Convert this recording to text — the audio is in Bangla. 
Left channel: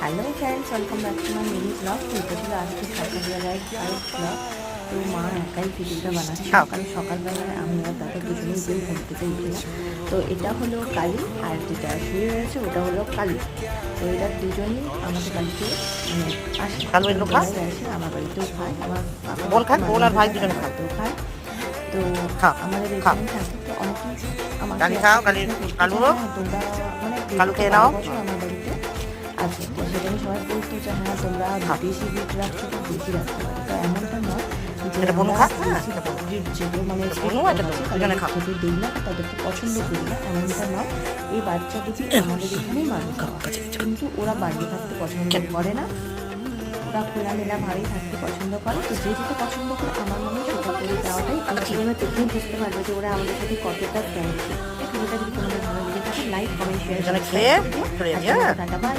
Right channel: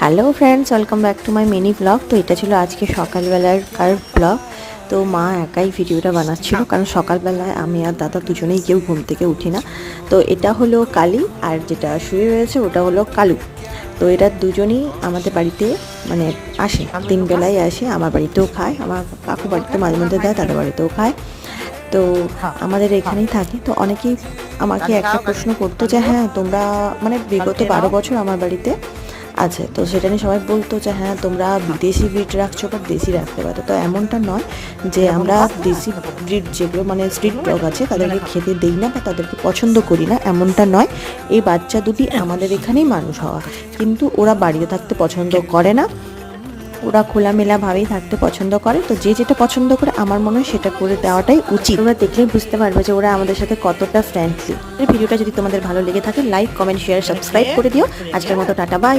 Hello friends, welcome back to my mini blog. তো এটা ছিল আজকে সকালবেলার ব্লগ। তো মা একাই ভিডিওটা বানাচ্ছিল, কারণ সকালবেলায় আমি আর দাদা দুজনেই কেউ ঘুম থেকে উঠি না। তো এটা হলো কালী, আর যেটা শুয়ে রয়েছে ওটা হলো কালু। তো এরা দুজনেই আমাদের বাড়িতে মানে আসে, 3 বেলায় আসে। আমার বাড়িতেও খায়, আমার কাকু বাড়িতে মাঝে মধ্যে যায়, দাদা বাড়িতেও খায়। তো আমাদের এখানেই থাকে। তো অনেকেই আমাকে একটা প্রশ্ন করতে যে হ্যাঁ তোমরা মানে বিগত 12 বছর আমার বাড়িতে আছে, তো সেটা নিয়ে সবাই বলতো যে হ্যাঁ তোমরা বিদেশি ব্রিড রাখছো বা দেশি রাখতে পারো। তো এমনটা নয় যে আমরা দেশি ব্রিড যেগুলো মানে স্ট্রিট ডগ আছে তাদেরকে খেতে দিই না বা তাদেরকে পছন্দ করি না, এমনটা নয়। এই বাচ্চা দুটি আমাদের এখানেই মানুষ হওয়া, কিন্তু ওরা বাড়িতে থাকতে পছন্দ করে না, ওরা খোলামেলাভাবেই থাকতে পছন্দ করে। তো যে যেটা পছন্দ করে আমার মনে হয় সেটা করে দেওয়াটাই উচিত। তোমরা দেখলেই বুঝতে পারবে যে ওরা আমাদের সাথে কতটা ফ্রেন্ডলি। এই ভিডিওটা যদি তোমাদের ভালো লেগে থাকে লাইক, কমেন্ট, শেয়ার, সাবস্ক্রাইব করে দিও। আজকের মতো টাটা, বাই।